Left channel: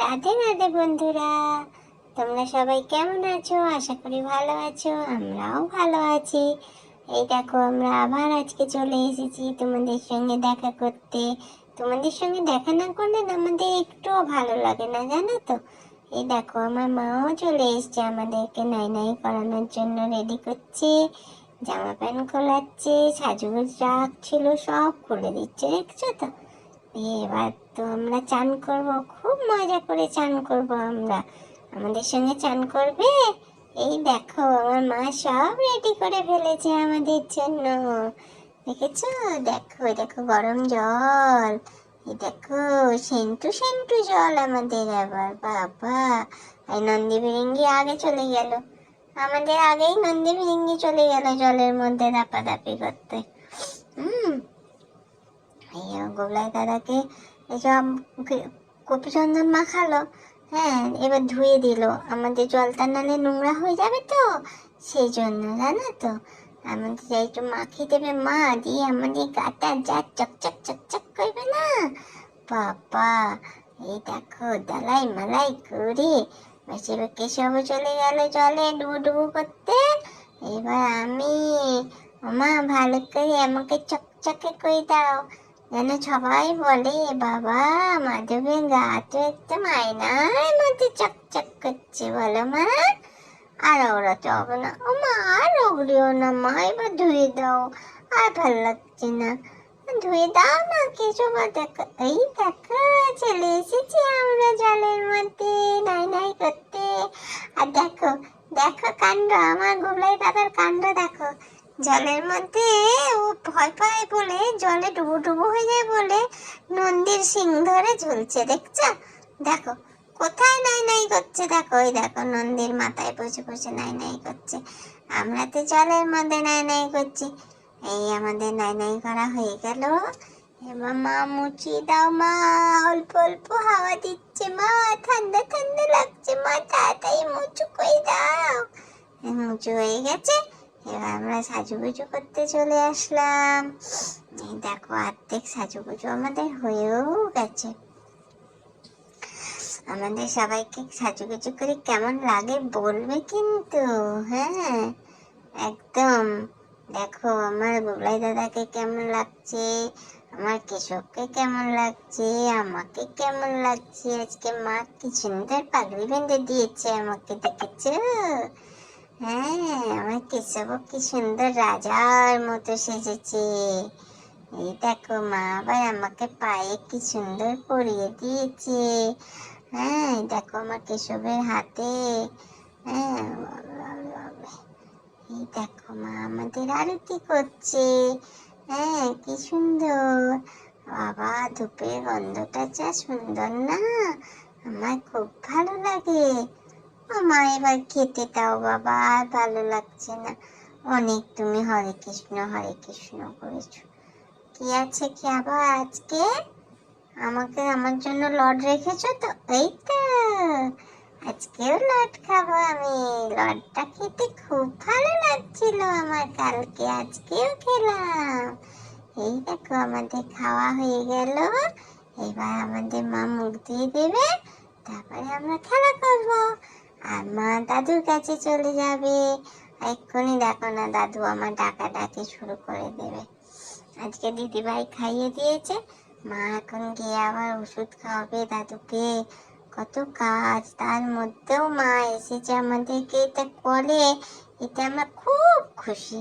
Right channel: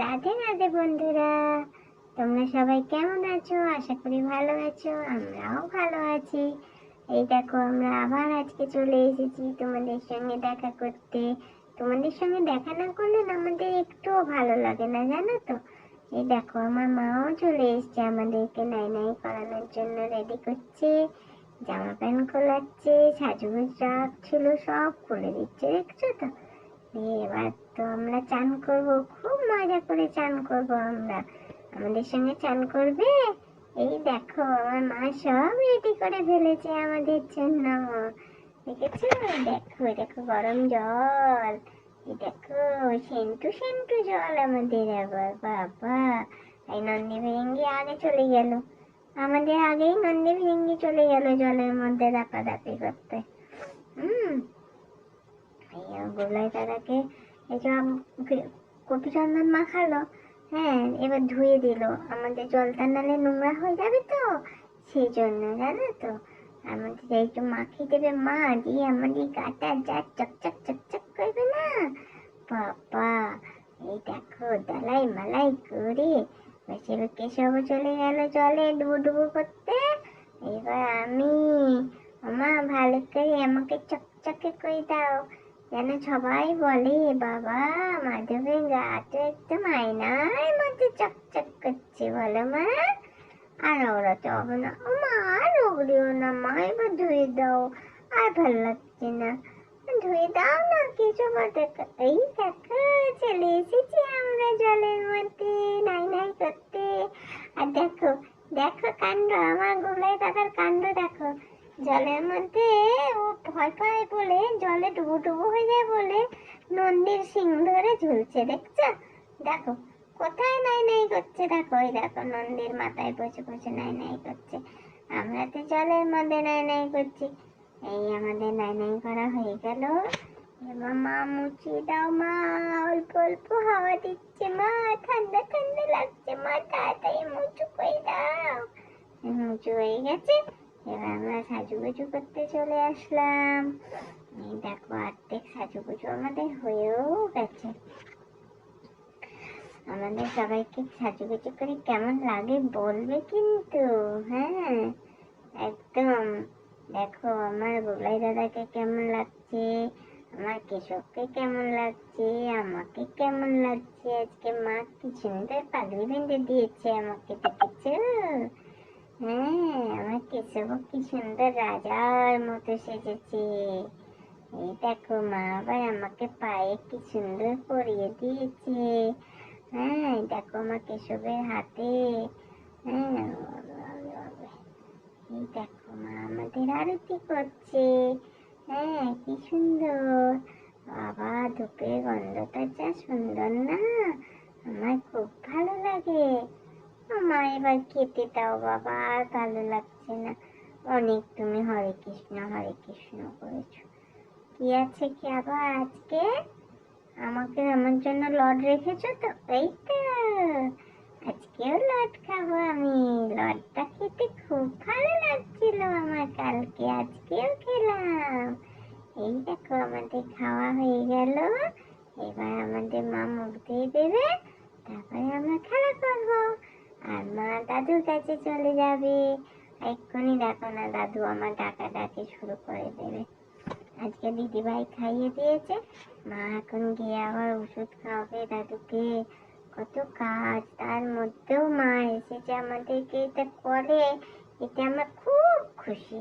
রাধে রাধে বন্ধুরা, তোমরা সবাই কেমন আছো? আশা করি ভালো আছো। আমরাও ভালো আছি। এই দেখো, আমরা আবার আজকে চলে এসেছি তোমাদের সঙ্গে দেখা করতে। তোমাদের সঙ্গে দেখা না করলে না আমাদের একটুও ভালো লাগে না, জানো তো। এই দেখো, আমার মাও চলে এসছে আমাদেরকে নাই নাই করানোর জন্য রেডি করছে। জামা প্যান্ট খোলাচ্ছে, সাজুগুজ রাখছিল, সব খুলে দিচ্ছে, দেখছো তো। এবার তো আমরা চান করব, খুব মজা করে চান করব আমরা। আমাদের সঙ্গে চান করবে? এই দেখো, আমার মা সব রেডি করে ফেলেছে আমাদের জন্য। দেখেছো? দেখো দেখো, গরম জল। এই দেখো, সেন্টু সেন্টু জল আমাদের। আবার বাবা, এই নন্দী বিরিঙ্গি আগে চলে গেল। আমাদের আগেই নন্দী বিরিঙ্গি চলে গেল জলের মধ্যে দাপাদাপি করতে। হুম। গোবলাই দাদাকে এসব কপি চন্দন মাখালো। হ্যাঁ, এবার ধুয়ে দিল। আমাদের জলটা নালে নোংরা হয়ে যাবে তো, সেই জন্য, জানো তো। আমাদের একটু মাখিয়ে দেবে মা, দিয়ে আমাদের গাটা যা চকচক চকচক করবে না বাবা। এই দেখো, দালাই মালাই করে বেশি কেশব চলে গেল জলে ডুবু ডুবু করতে। এবার আমি, মা ভালো করে আমাকে চকচকে করে দাও, যেন সবাই বলে বাবা, মাধবের গা তো একদম আয়নার মধ্যে চকচক করছে, বলো মা। আর ওড়াতে হবে না, ও মা আর ওগলিও না মা, এবার ধুয়ে দাও, আর ভালো লাগছে না। ধুয়ে দাও না, কিছু দেখো। এই দেখো, চলে এসেছি আমরা জলের মধ্যে নাই নাই করতে। আর দেখো, দেখো কাণ্ড, আমার গুবলাই দাদার কাণ্ড দেখো। জলের মধ্যে ও ভয় পায় বলে, জলে ডুবো ডুবো হয়ে যায় বলে নন্দীর শিং ধরে ঝুলছে, দেখছো? দেখো কোথায় নাই নাই করছে, দেখো ওই দেখো নন্দীর মাথায় বসে বসে নাই নাই করছে। আমরা তো জলের মধ্যে নাই নাই করছি। এই আমাদের নাই নাই করা হয়ে গেল। এবার মা মুচি দাও মা, অল্প অল্প হাওয়া দিচ্ছে মা, ঠান্ডা ঠান্ডা লাগছে মা, তাড়াতাড়ি মুচু করে দাও। মুচু হয়ে গেছে। এবার আমরা সাজুগুজু করতে চলে আসলাম। এই দেখো, অর্ধেক সাজুগুজু আমাদের হয়েও গেছে। আমাদের সবাইকে সাজুগুজু করে কেমন লাগে বলবে কিন্তু, হ্যাঁ একদম। দেখো, আমার বুবলাই দাদাকে কেমন লাগছে, আমার কেশবকে কেমন লাগছে, আমাকে কেমন লাগছে। আজকে মা কি সুন্দর পাগড়ি বেঁধে দিয়েছে আমাকে, দেখেছো? হ্যাঁ, আমার কেশবও কি সুন্দর রাজার মতো সেজেছে। এই দেখো, মা আবার আমাকে পায়ে কি সুন্দর পরিয়ে দিয়েছে। হ্যাঁ, দেখো আমার কেশবের হাতে। হ্যাঁ, এই দেখো, মা আমাদের আরতি করছে। হ্যাঁ, কি সুন্দর। বাবা, ধূপের গন্ধটা যা সুন্দর না, আমার খুব ভালো লাগে। মা এবার খেতে দাও বাবা, আর ভালো লাগছে না। অনেক তুমি হরে কৃষ্ণ করেছো। কি আছে কি আবার আজকে? আমাকে, আমার জন্য লড রেখেছো তো, এই তো। আজকেও লড খাবো আমি। লডটা খেতে খুব ভালো লাগছিল আমার কালকে, আজকেও খেলাম। এই দেখো, আমাদের খাওয়া হয়ে গেল। এবার আমাদের মা মুখ দিয়ে দেবে, তারপরে আমরা খেলা করব। আর মা দাদুর কাছে চলে যাবে। এক্ষুনি দেখো না, দাদু আমার ডাকাডাকি শুরু করে দেবে। আজকে দিদিভাই খাইয়ে দিয়েছে, মা এখন গিয়ে আবার ওষুধ খাওয়াবে দাদুকে। কত কাজ, তার মধ্যেও মা এসেছে আমাদেরকে এটা করে, এতে আমরা খুব খুশি।